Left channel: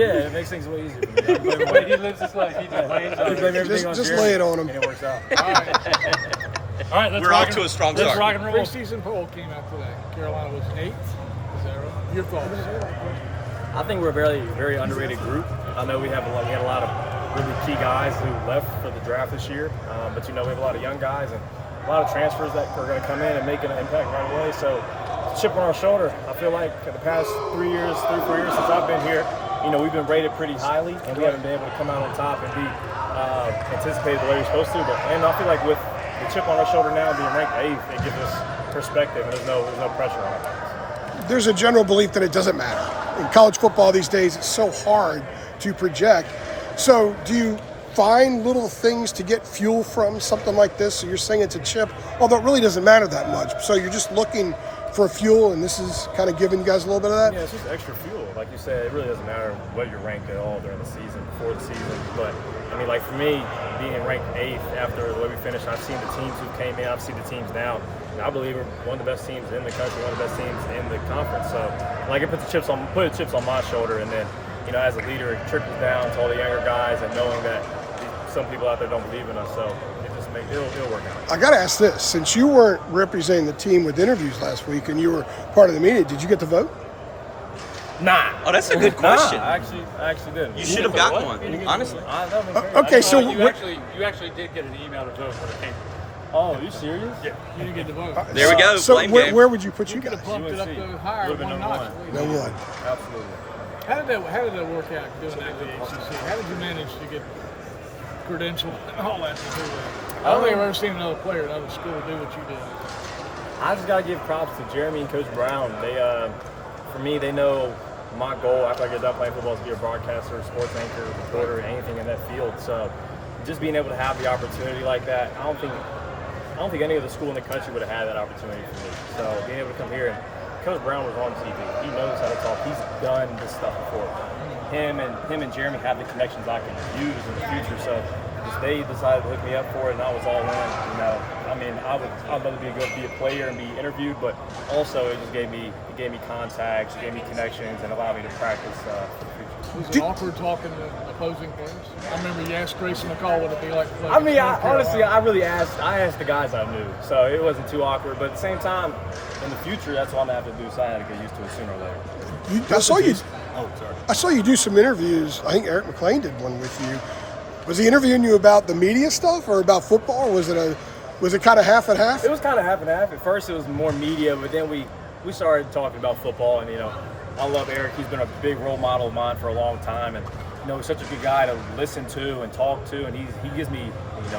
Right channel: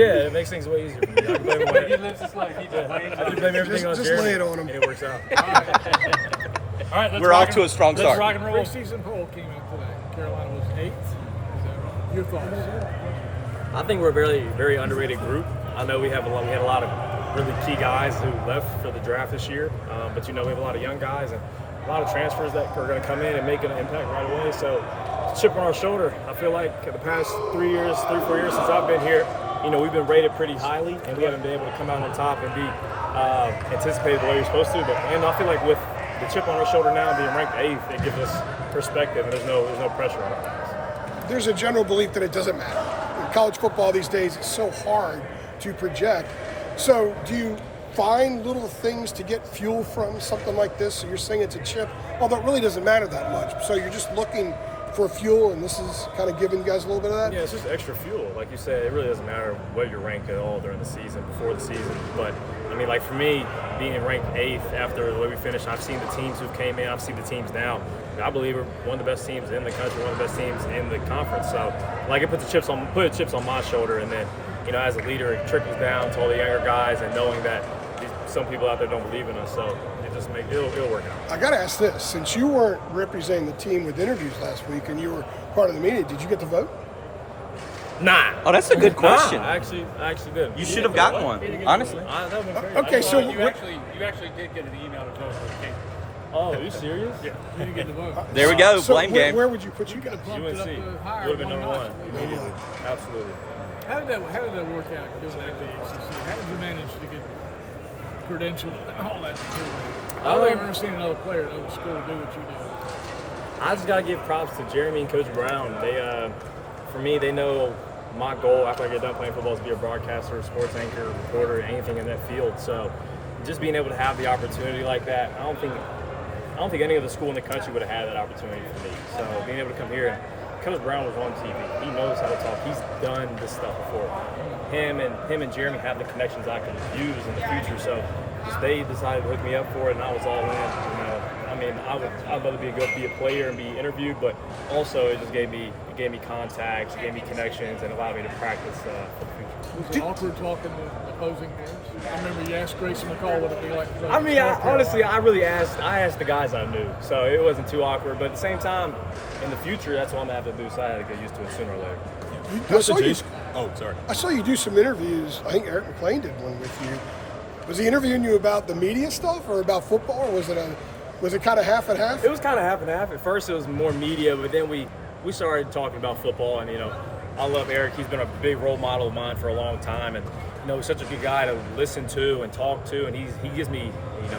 Yeah, it makes things way easier for me. I can blame him on He lives his life. He just I can blame everything on Just Jeremy, lay it on him. and it works out. All right, We're off to a strong let's start. rock and roll. Preseason poll came out today. Carolina was 8th. Is that right? Your thoughts? I think we're a very, very underrated group. I know we had a lot of really key guys who left for the draft this year, but we have a lot of young guys and a lot of transfers that are going to come in and make an impact right away. So, chip on our shoulder. I feel like the past 3 or 4 years since I've been here, we've been rated pretty highly, and we haven't been able to come out on top and be anticipated the way we're supposed to. And I feel like with the chip on our shoulder now, being ranked 8th, it gives us perspective, and there's no pressure on our backs. There's a general belief that it doesn't matter. In college football these days, it's so hard to project. So do you find little things to get fuel from something like this? So you're saying it's a chip, although it really doesn't matter that much. So you're just looking for fuel, and this is kind of giving you guys a little bit of that? Yeah, it's just extra fuel. Like you said, it really doesn't matter what you're ranked at all during the season, before the season. But, for me, being ranked 8th after the way we finished, I've seen the teams who came in, I've seen the teams now. And I believe we're one of the best teams in the country, one of the best teams in the conference. So, it puts the chips on my shoulder, and then, as a leader, it trickles down to all the younger guys, and knowing that some people out there don't believe in us. So it'll work out. I got to ask this. Since you weren't representing the team with interviews last week and you were part of the media, did you get to vote? Nah. Oh, that's a good question. Nah, I actually didn't. You should have got one, honestly. That was crazy. Okay, so You actually did get an email to vote for the game. Oh, are you serious? Yeah, you didn't get to vote. There we go. So Blame game. where would you put you guys? Bumped it up UNC higher, would have been number why one. not? No, really. Absolutely. How did that work out doing that at the ACC? How did you manage to get credentialed and all that? I don't think I've ever seen another player at another school do what you did. I just gotta give props to Jeremy and Coach Brown. They, for me, they know my goal after I get done playing football is to be a broadcaster, sports anchor, reporter, anything in that field. So, just being able to have the opportunity like that, I don't think any other school in the country would have had that opportunity for me. So, being able to come here, and Coach Brown was on TV. He knows how to talk. He's done this stuff before. Him and Jeremy have the connections I can use in the future. So, they decided to hook me up for it, and I was all in. I'd love to be a player and be interviewed, but also it just gave me contacts, it gave me connections, and allowed me to practice for the future. Was it awkward talking to opposing players? I remember you asked Grayson McCall what it'd be like to play. I asked the guys I knew, so it wasn't too awkward. But at the same time, in the future, that's what I'm gonna have to do. So I had to get used to it sooner or later. I saw you do some interviews. I think Eric McLean did one with you. Was he interviewing you about the media stuff or about football? Or was it kind of half and half? It was kind of half and half. At first, it was more media, but then we started talking about football. And I love Eric. He's been a big role model of mine for a long time, and he's such a good guy to listen to and talk to, and he gives me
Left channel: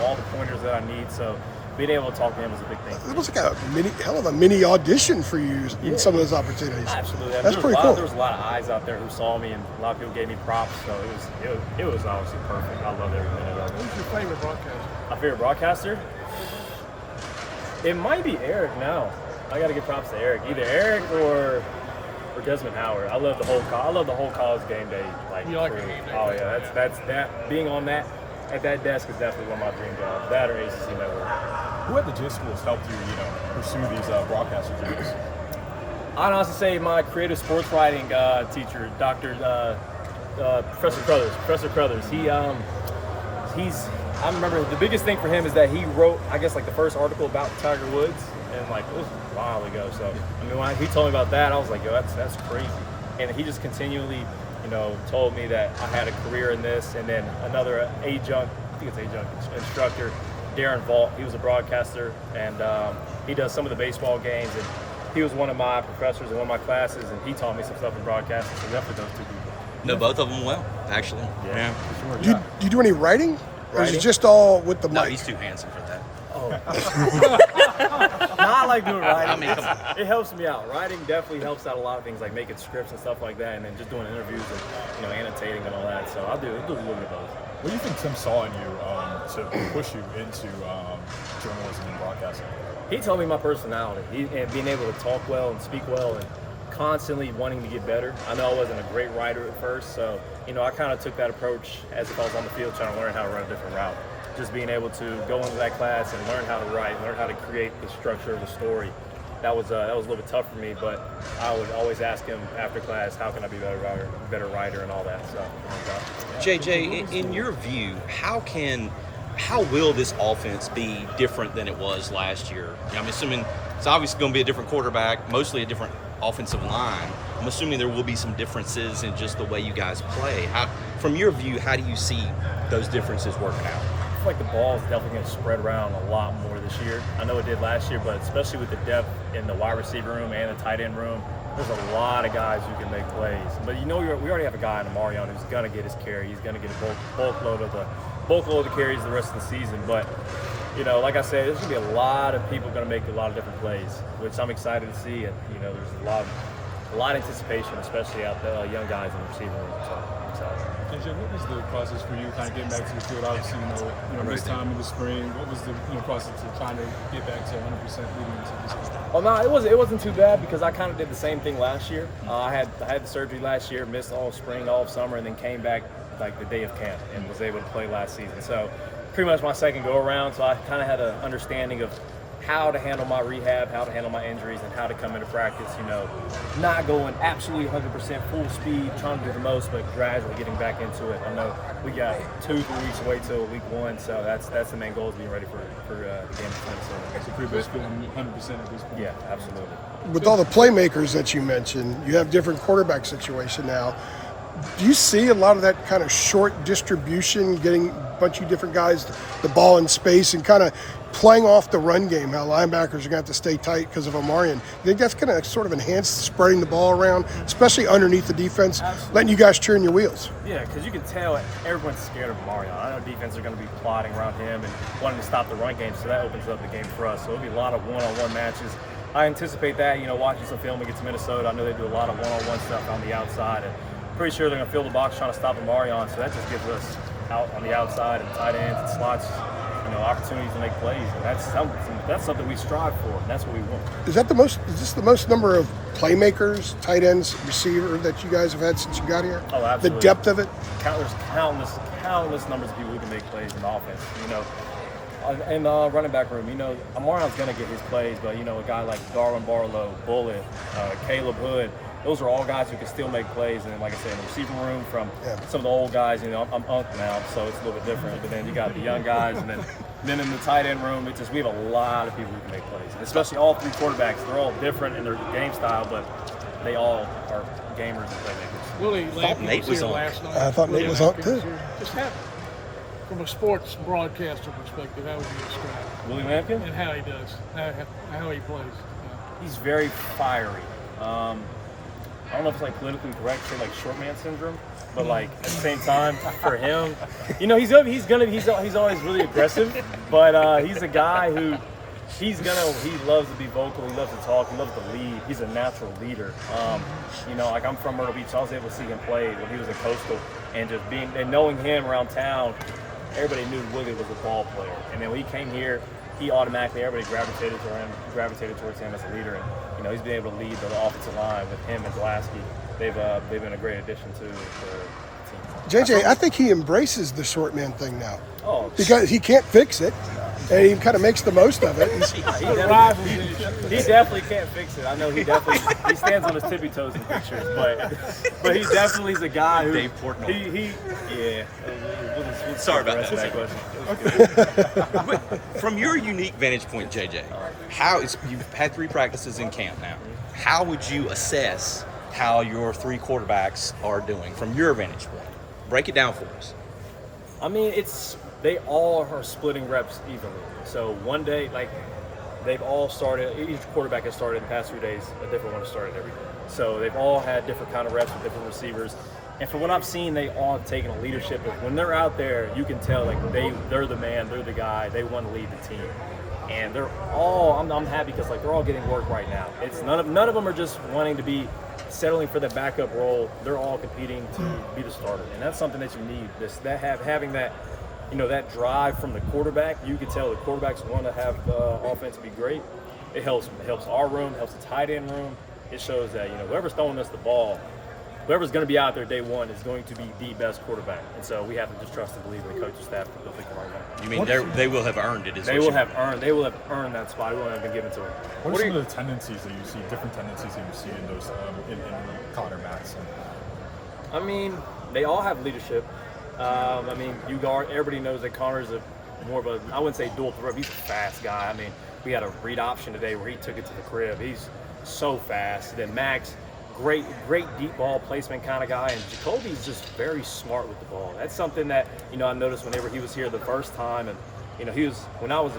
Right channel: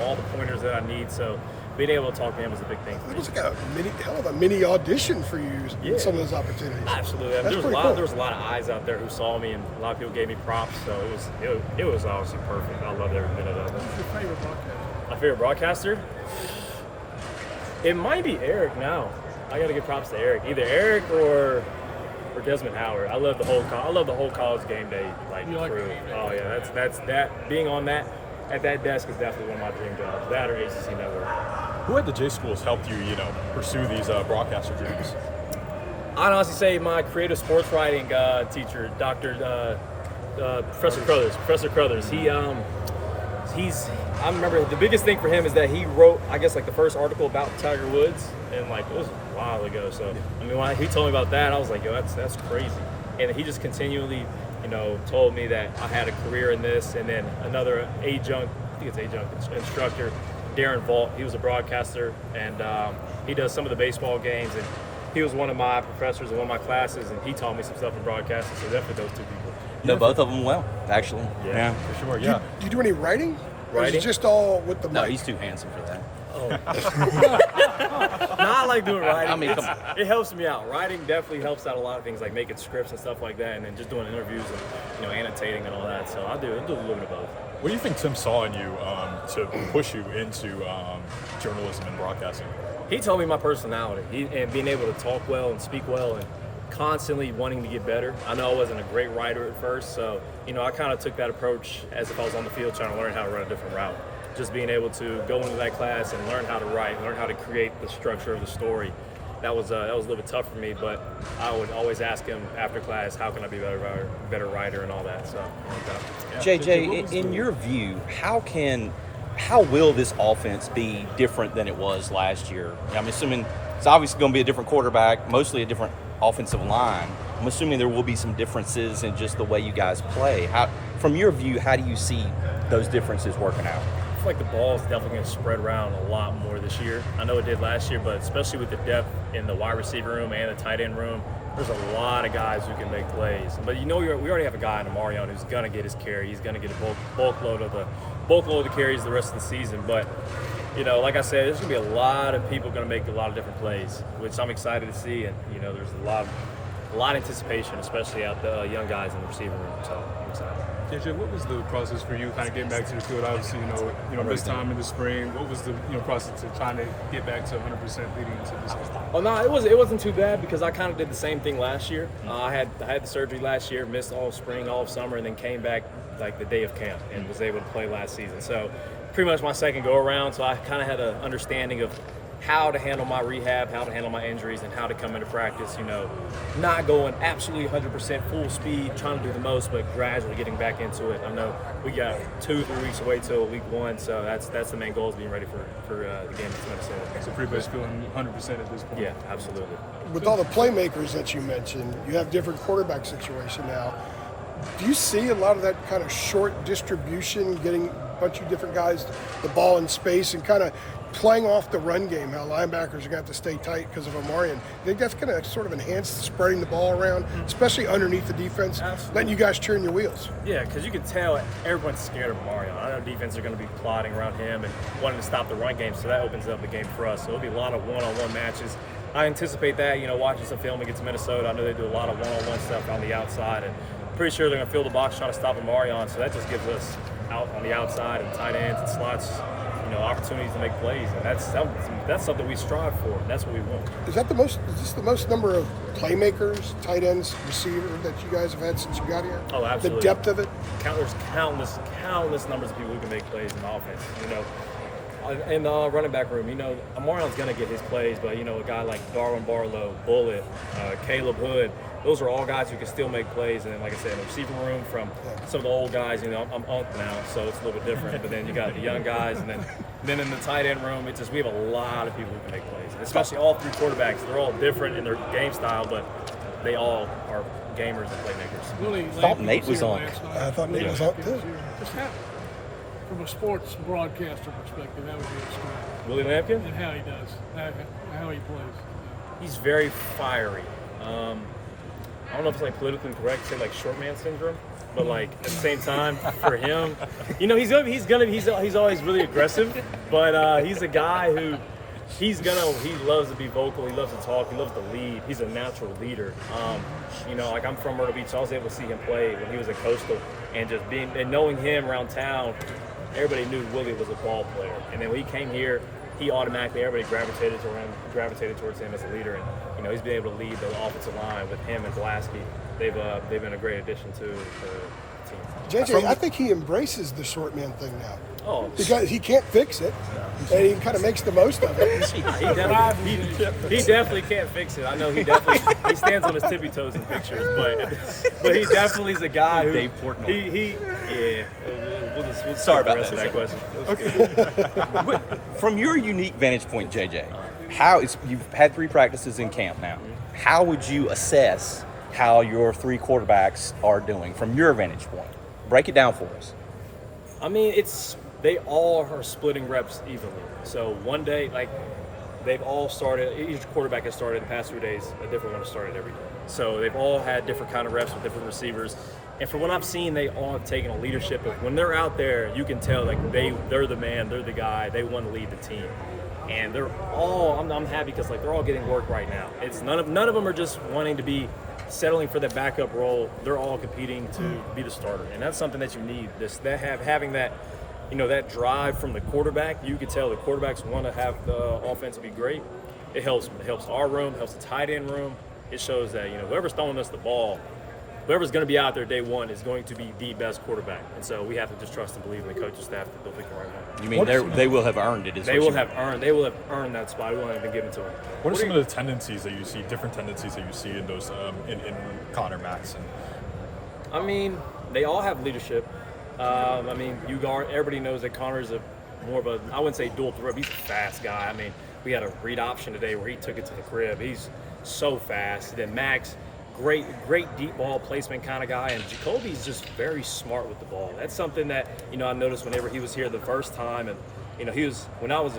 all the pointers that I need. So being able to talk to him was a big thing. It was like a mini audition for you in some of those opportunities. Absolutely. That's There pretty cool. was a lot of eyes out there who saw me, and a lot of people gave me props. So it was obviously perfect. I loved every minute of it. Who's your favorite broadcaster? My favorite broadcaster? It might be Eric now. I got to give props to Eric. Either Eric or Desmond Howard. I love the whole college game day crew. Oh yeah, that's that. Being on that at that desk is definitely one of my dream jobs. That or ACC Network. Who at the J schools helped you, pursue these broadcaster dreams? I'd honestly say my creative sports writing teacher, Professor Crothers. I remember the biggest thing for him is that he wrote, I guess, the first article about Tiger Woods, and it was a while ago. So when he told me about that, I was like, yo, that's crazy. And he just continually, told me that I had a career in this. And then another adjunct instructor, Darren Vault. He was a broadcaster, and he does some of the baseball games. And he was one of my professors in one of my classes, and he taught me some stuff in broadcasting. So definitely those two people. No, both of them well, actually. Yeah. For sure, You do any writing? Or is Writing? it just all with the mic? No, he's too handsome for that. Oh. No, I like doing writing. I mean, come on. It helps me out. Writing definitely helps out a lot of things, like making scripts and stuff like that, and then just doing interviews and annotating and all that. So I do a little bit of both. What do you think Tim saw in you to push you into journalism and broadcasting? He told me my personality and being able to talk well and speak well and constantly wanting to get better. I know I wasn't a great writer at first, so I kind of took that approach as if I was on the field trying to learn how to run a different route. Just being able to go into that class and learn how to write, learn how to create the structure of the story. that was a little bit tough for me. But I would always ask him after class, how can I be a better writer and all that stuff. JJ, in your view, how will this offense be different than it was last year? I'm assuming it's obviously going to be a different quarterback, mostly a different offensive line. I'm assuming there will be some differences in just the way you guys play. From your view, how do you see those differences working out? I feel like the ball is definitely going to spread around a lot more this year. I know it did last year, but especially with the depth in the wide receiver room and the tight end room, there's a lot of guys who can make plays. But we already have a guy in Amarion who's going to get his carry. He's going to get a bulk load of the carries the rest of the season. But like I said, there's going to be a lot of people going to make a lot of different plays, which I'm excited to see. And there's a lot of anticipation, especially out the young guys in the receiver room. So I'm excited. JJ, what was the process for you kind of getting back to the field? Obviously, this time in the spring, what was the process of trying to get back to 100% leading into this season? Well, no, it wasn't too bad because I kind of did the same thing last year. I had the surgery last year, missed all of spring, all of summer, and then came back like the day of camp and was able to play last season. So pretty much my second go around. So I kind of had an understanding of how to handle my rehab, how to handle my injuries, and how to come into practice, not going absolutely 100% full speed, trying to do the most, but gradually getting back into it. I know we got 2-3 weeks away till week 1, so that's the main goal, is being ready for the game against Minnesota. That's a pretty best feeling, 100% at this point. Yeah, absolutely. With all the playmakers that you mentioned, you have different quarterback situation now. Do you see a lot of that kind of short distribution, getting a bunch of different guys the ball in space and kind of playing off the run game, how linebackers are going to have to stay tight because of Omarion? You think that's going to sort of enhance spreading the ball around, especially underneath the defense, letting you guys turn your wheels? Yeah, because you can tell everyone's scared of Omarion. I know defense are going to be plotting around him and wanting to stop the run game, so that opens up the game for us. So it'll be a lot of one-on-one matches. I anticipate that, watching some film against Minnesota. I know they do a lot of one-on-one stuff on the outside, and pretty sure they're going to fill the box trying to stop Omarion, so that just gives us out on the outside and tight ends and slots, opportunities to make plays, and that's something we strive for, and that's what we want. Is this the most number of playmakers, tight ends, receiver that you guys have had since you got here? Oh, absolutely. The depth of it? There's countless numbers of people who can make plays in offense, in the running back room, Amarion's going to get his plays, but, a guy like Darwin Barlow, Bullet, Caleb Hood, those are all guys who can still make plays. And then, like I said, in the receiving room from some of the old guys, I'm Unk now, so it's a little bit different. But then you got the young guys, and then in the tight end room, we have a lot of people who can make plays. And especially all three quarterbacks. They're all different in their game style, but they all are gamers and playmakers. Willie Nate was on. last night. I thought Nate was on too. Just from a sports broadcaster perspective, how would you describe Willie Lampkin? and how he does, how he plays? He's very fiery. I don't know if it's like politically correct to say like short man syndrome, but like at the same time for him, he's always really aggressive, but he's a guy who he loves to be vocal, he loves to talk, he loves to lead. He's a natural leader. Like I'm from Myrtle Beach, so I was able to see him play when he was at Coastal, and just knowing him around town, everybody knew Willie was a ball player. And then when he came here, everybody gravitated towards him as a leader, and he's been able to lead the offensive line with him and Glasky. They've been a great addition to the team. JJ, I think he embraces the short man thing now. Oh, Because he can't fix it, and he kind of makes the most of it. he definitely can't fix it. I know he stands on his tippy toes in pictures, but he definitely is a guy who Dave Portnoy. We'll Sorry about the rest that. of that question. From your unique vantage point, JJ, you've had 3 practices in camp now. How would you assess how your 3 quarterbacks are doing from your vantage point? Break it down for us. I mean, they all are splitting reps evenly. So one day, they've all started, each quarterback has started in the past 3 days, a different one has started every day. So they've all had different kind of reps with different receivers. And from what I've seen, they all have taken a leadership of when they're out there, you can tell they're the man, they're the guy, they want to lead the team. And they're all, I'm happy because they're all getting work right now. It's none of them are just wanting to be settling for the backup role. They're all competing to be the starter, and that's something that you need. Having that, that drive from the quarterback. You can tell the quarterbacks want to have the offense be great. It helps our room, helps the tight end room. It shows that whoever's throwing us the ball, whoever's going to be out there day one is going to be the best quarterback. And so we have to just trust and believe in the coaching staff that they'll pick the right one. I mean, they will have earned it. They will have earned that spot. It won't have been given to them. What are some of the tendencies that you see, different tendencies that you see in those in Connor Matson? I mean, they all have leadership. I mean, everybody knows that Connor's more of a, I wouldn't say dual threat. He's a fast guy. I mean, we had a read option today where he took it to the crib. He's so fast. Then Max, great deep ball placement kind of guy. And Jacoby's just very smart with the ball. That's something that, you know, I noticed whenever he was here the first time. And, you know, he was, when I was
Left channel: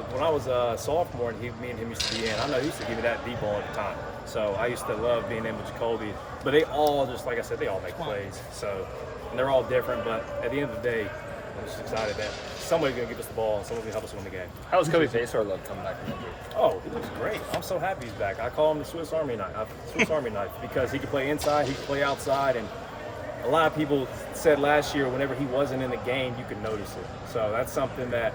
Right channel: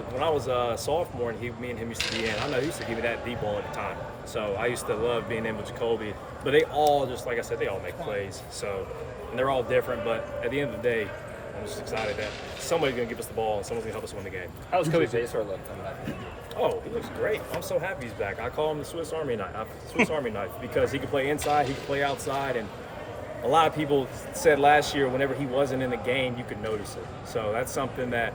a sophomore and me and him used to be in, I know he used to give me that deep ball at the time. So I used to love being in with Jacoby. But they all, just like I said, they all make plays. So, and they're all different. But at the end of the day, I'm just excited that somebody's going to give us the ball and someone's going to help us win the game. How was Kobe Pacer love coming back? Oh, he looks great. I'm so happy he's back. I call him the Swiss Army knife. Because he can play inside, he can play outside, and a lot of people said last year whenever he wasn't in the game, you could notice it. So that's something that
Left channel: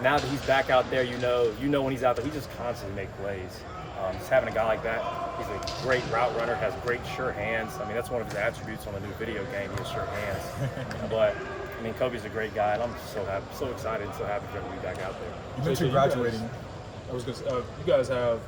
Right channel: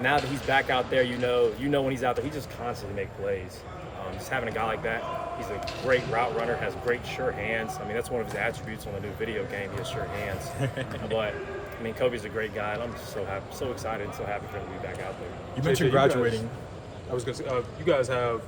now that he's back out there, you know when he's out there, he just constantly makes plays. Just having a guy like that, he's a great route runner, has great sure hands. I mean, that's one of his attributes on the new video game. He has sure hands. But I mean, Kobe's a great guy, and I'm just so happy, so excited, and so happy for him to be back out there. You mentioned graduating. I was going to say, you guys have,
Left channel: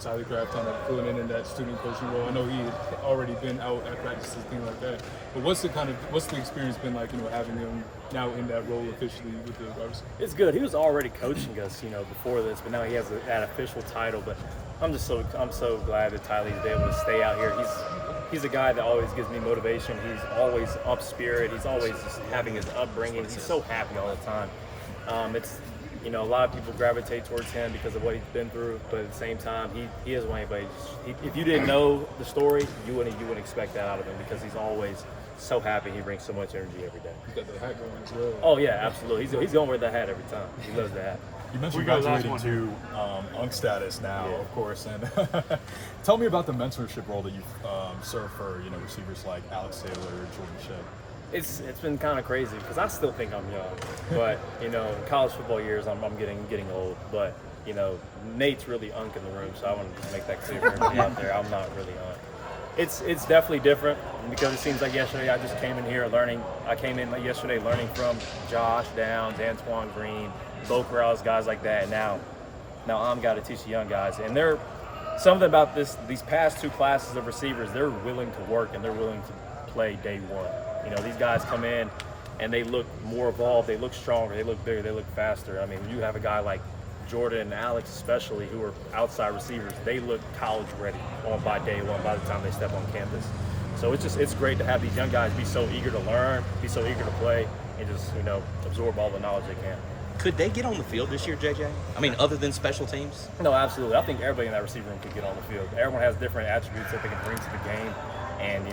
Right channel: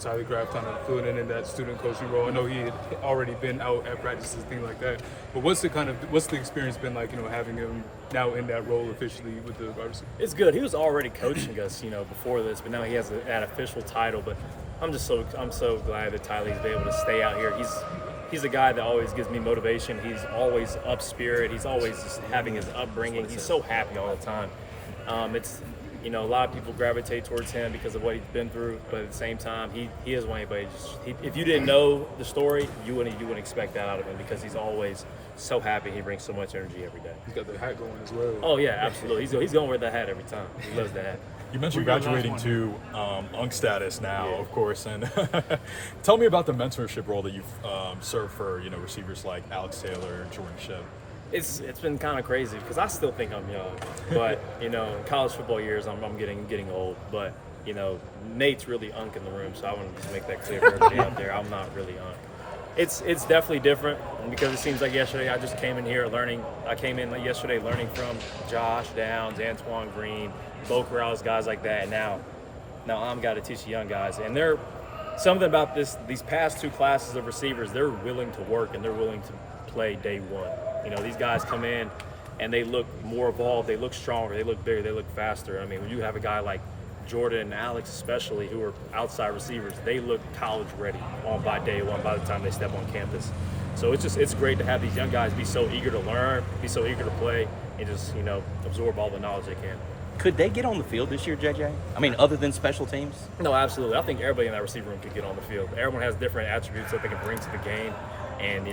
Tyler Graff kind of filling in that student coaching role. I know he had already been out at practices, things like that. But what's the experience been like, having him now in that role officially with the wide receiver? It's good. He was already coaching us, before this, but now he has that official title. But I'm so glad that Tylee's been able to stay out here. He's a guy that always gives me motivation. He's always up spirit. He's always just having his upbringing. He's so happy all the time. A lot of people gravitate towards him because of what he's been through, but at the same time, he isn't anybody. If you didn't know the story, you wouldn't expect that out of him because he's always so happy. He brings so much energy every day. He's got the hat going as well. Oh yeah, absolutely. He's going to wear that hat every time. He loves the hat. You mentioned graduating to UNC status now, of course, and tell me about the mentorship role that you've served for receivers like Alex Taylor, Jordan Shep. It's been kind of crazy because I still think I'm young, but in college football years I'm getting old. But Nate's really unk in the room, so I want to just make that clear for everybody out there. I'm not really unk. It's definitely different because it seems like yesterday I just came in here learning. I came in yesterday learning from Josh Downs, Antoine Green, Bo Corrales, guys like that. And now I'm got to teach the young guys, and they're something about these past two classes of receivers. They're willing to work and they're willing to play day one. These guys come in and they look more evolved, they look stronger, they look bigger, they look faster. I mean, when you have a guy like Jordan and Alex especially, who are outside receivers, they look college ready by day one, by the time they step on campus. So it's great to have these young guys be so eager to learn, be so eager to play, and just, absorb all the knowledge they can. Could they get on the field this year, JJ? I mean, other than special teams? No, absolutely. I think everybody in that receiver room could get on the field. Everyone has different attributes that they can bring to the game. And,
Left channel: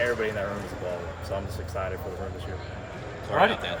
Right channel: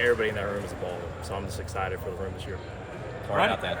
everybody in that room is a baller. So I'm just excited for the room this year. All right, then.